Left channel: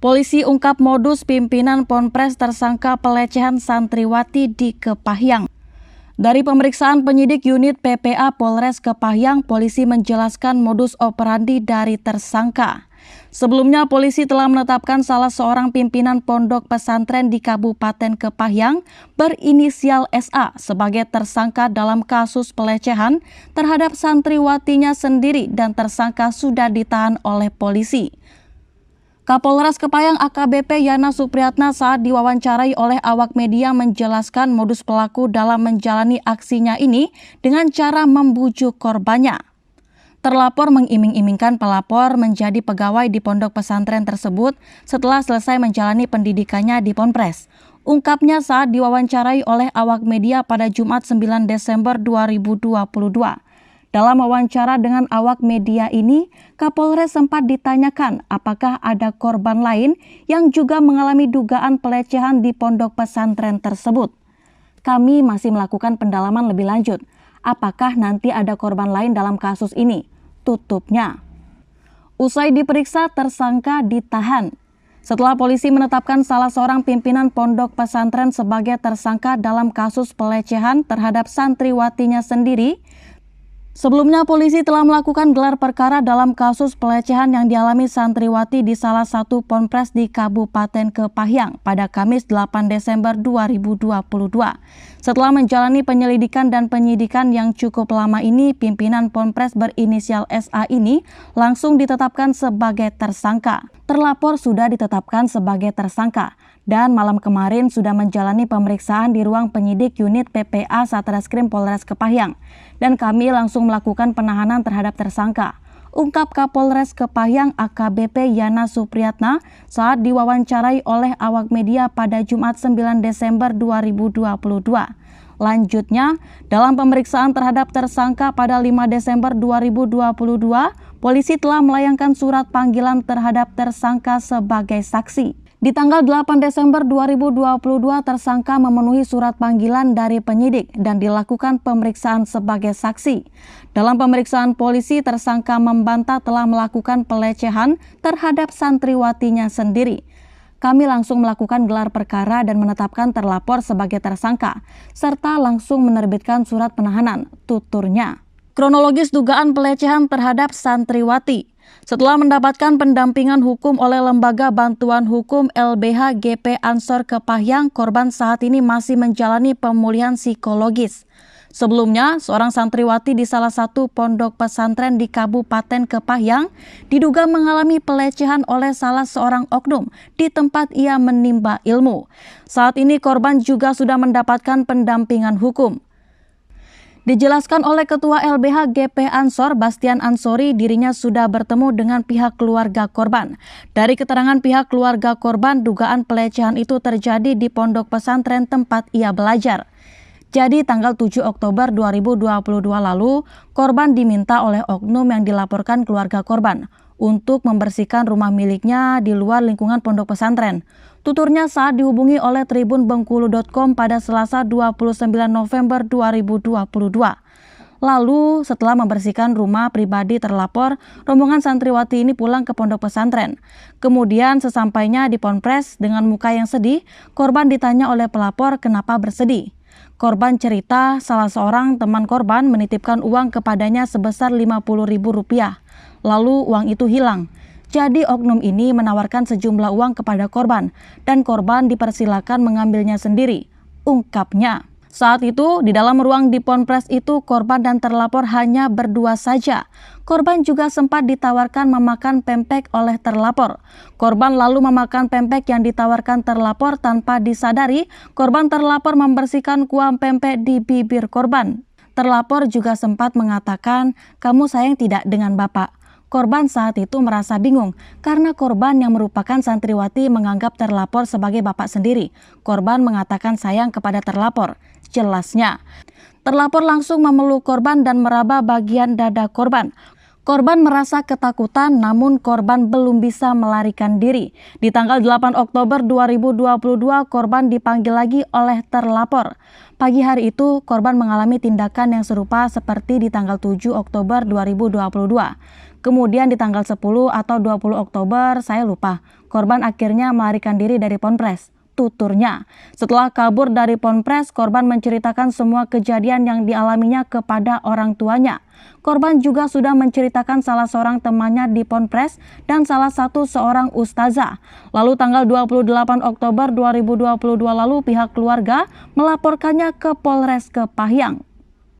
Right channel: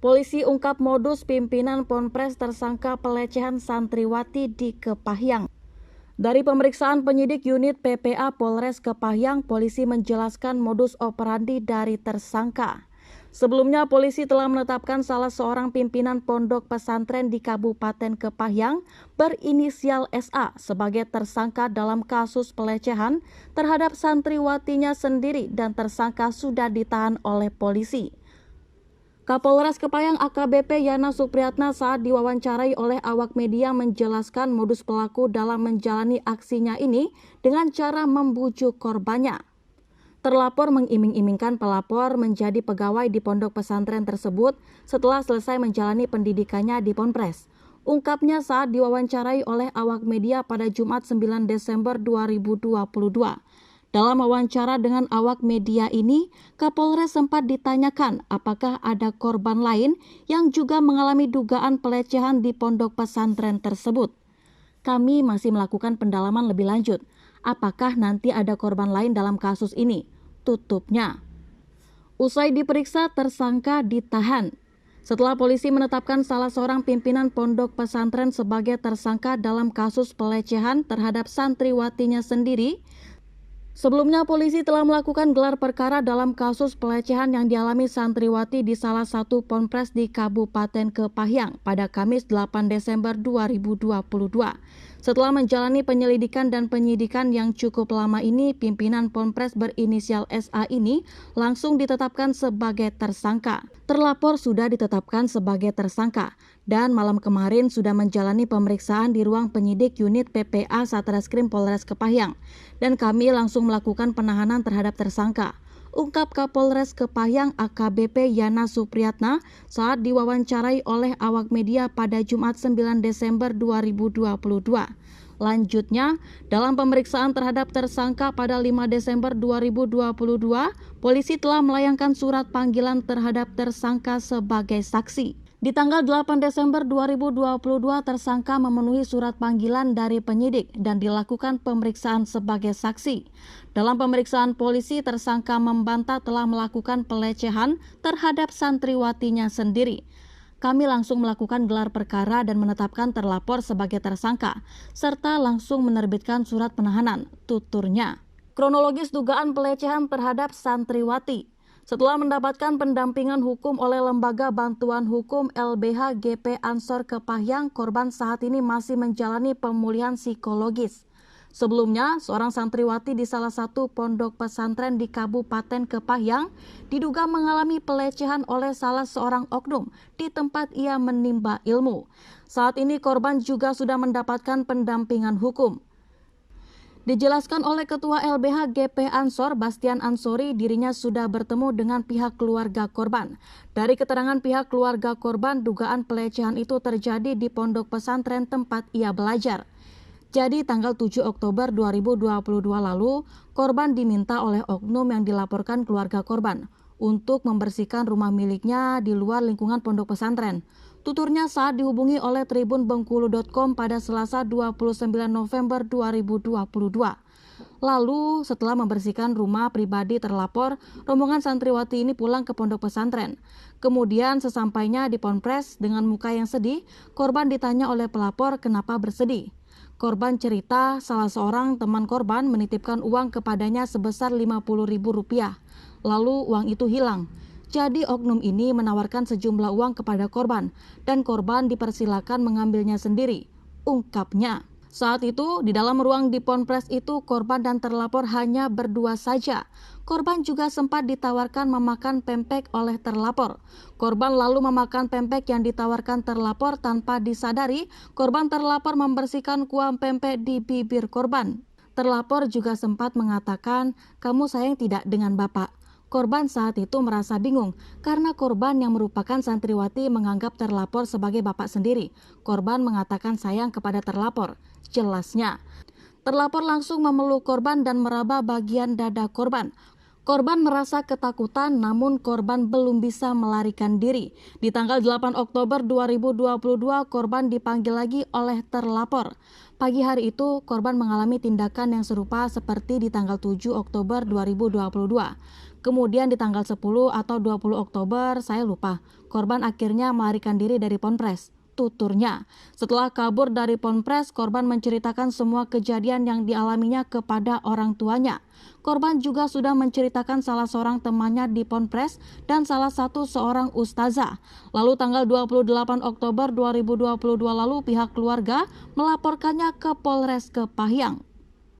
Polisi ungkap modus pimpinan Ponpres tersangka pelecehan santriwati di Kepahyang. Dari pemeriksaan penyidik unit PPA Polres Kepahyang, polisi menjelaskan modus operandi dari tersangka. Sebelumnya, polisi telah menetapkan salah seorang pimpinan pondok pesantren di Kabupaten Kepahyang berinisial SA sebagai tersangka dalam kasus pelecehan terhadap santriwatinya sendiri dan tersangka sudah ditahan oleh polisi. Kapolres Kepahyang AKBP Yana Supriyatna saat diwawancarai oleh awak media menjelaskan modus pelaku dalam menjalani aksinya ini dengan cara membujuk korbannya. Terlapor mengiming-imingkan pelapor menjadi pegawai di pondok pesantren tersebut setelah selesai menjalani pendidikannya di Ponpres. Ungkapnya saat diwawancarai oleh awak media pada Jumat 9 Desember 2022. Dalam wawancara dengan awak media ini, Kapolres sempat ditanyakan apakah ada korban lain yang juga mengalami dugaan pelecehan di pondok pesantren tersebut. Kami masih melakukan pendalaman lebih lanjut. Apakah nanti ada korban lain dalam kasus ini? Tutupnya. Usai diperiksa, tersangka ditahan. Setelah polisi menetapkan salah seorang pimpinan pondok pesantren sebagai tersangka dalam kasus pelecehan terhadap santriwatinya sendiri, sebelumnya polisi telah melakukan gelar perkara dalam kasus pelecehan yang dialami santriwati di salah satu ponpres di Kabupaten Kepahyang pada Kamis 8 Desember 2022. Setelah menjalani penyelidikan dan penyidikan yang cukup lama ini, pimpinan ponpres berinisial SA ini langsung ditetapkan sebagai tersangka. Terlapor sudah ditetapkan sebagai tersangka dan malam kemarin sudah menjalani pemeriksaan di ruang penyidik unit PPA Satreskrim Polres Kepahyang. Dan kami langsung melakukan penahanan terhadap tersangka, ungkap Kapolres Kepahyang AKBP Yana Supriyatna saat diwawancarai oleh awak media pada Jumat 9 Desember 2022. Lanjutnya, dalam pemeriksaan terhadap tersangka pada 5 Desember 2022, polisi telah melayangkan surat panggilan terhadap tersangka sebagai saksi. Di tanggal 8 Desember 2022, tersangka memenuhi surat panggilan dari penyidik dan dilakukan pemeriksaan sebagai saksi. Dalam pemeriksaan polisi, tersangka membantah telah melakukan pelecehan terhadap santriwatinya sendiri. Kami langsung melakukan gelar perkara dan menetapkan terlapor sebagai tersangka, serta langsung menerbitkan surat penahanan, tuturnya. Kronologis dugaan pelecehan terhadap santriwati. Setelah mendapatkan pendampingan hukum oleh Lembaga Bantuan Hukum LBH GP Ansor Kepahyang, korban saat ini masih menjalani pemulihan psikologis. Sebelumnya, seorang santriwati di salah satu pondok pesantren di Kabupaten Kepahyang diduga mengalami pelecehan oleh salah seorang oknum di tempat ia menimba ilmu. Saat ini korban juga sudah mendapatkan pendampingan hukum. Dijelaskan oleh Ketua LBH GP Ansor, Bastian Ansori, dirinya sudah bertemu dengan pihak keluarga korban. Dari keterangan pihak keluarga korban, dugaan pelecehan itu terjadi di pondok pesantren tempat ia belajar. Jadi tanggal 7 Oktober 2022 lalu, korban diminta oleh oknum yang dilaporkan keluarga korban untuk membersihkan rumah miliknya di luar lingkungan pondok pesantren. Tuturnya saat dihubungi oleh tribunbengkulu.com pada Selasa 29 November 2022. Lalu setelah membersihkan rumah pribadi terlapor, rombongan santriwati ini pulang ke pondok pesantren. Kemudian sesampainya di ponpres dengan muka yang sedih, korban ditanya oleh pelapor kenapa bersedih. Korban cerita salah seorang teman korban menitipkan uang kepadanya sebesar Rp50.000. Lalu uang itu hilang. Jadi oknum ini menawarkan sejumlah uang kepada korban dan korban dipersilakan mengambilnya sendiri, ungkapnya. Saat itu di dalam ruang di ponpres itu korban dan terlapor hanya berdua saja. Korban juga sempat ditawarkan memakan pempek oleh terlapor. Korban lalu memakan pempek yang ditawarkan terlapor tanpa disadari korban terlapor membersihkan kuah pempek di bibir korban. Terlapor juga sempat mengatakan, "Kamu sayang tidak dengan Bapak?" Korban saat itu merasa bingung karena korban yang merupakan santriwati menganggap terlapor sebagai bapak sendiri. Korban mengatakan sayang kepada terlapor. Jelasnya, terlapor langsung memeluk korban dan meraba bagian dada korban. Korban merasa ketakutan namun korban belum bisa melarikan diri. Di tanggal 8 Oktober 2022 korban dipanggil lagi oleh terlapor. Pagi hari itu korban mengalami tindakan yang serupa seperti di tanggal 7 Oktober 2022. Kemudian di tanggal 10 atau 20 Oktober, saya lupa, korban akhirnya melarikan diri dari Ponpes. Tuturnya, setelah kabur dari Ponpes, korban menceritakan semua kejadian yang dialaminya kepada orang tuanya. Korban juga sudah menceritakan salah seorang temannya di Ponpes dan salah satu seorang ustazah. Lalu tanggal 28 Oktober 2022 lalu pihak keluarga melaporkannya ke Polres Kepahyang.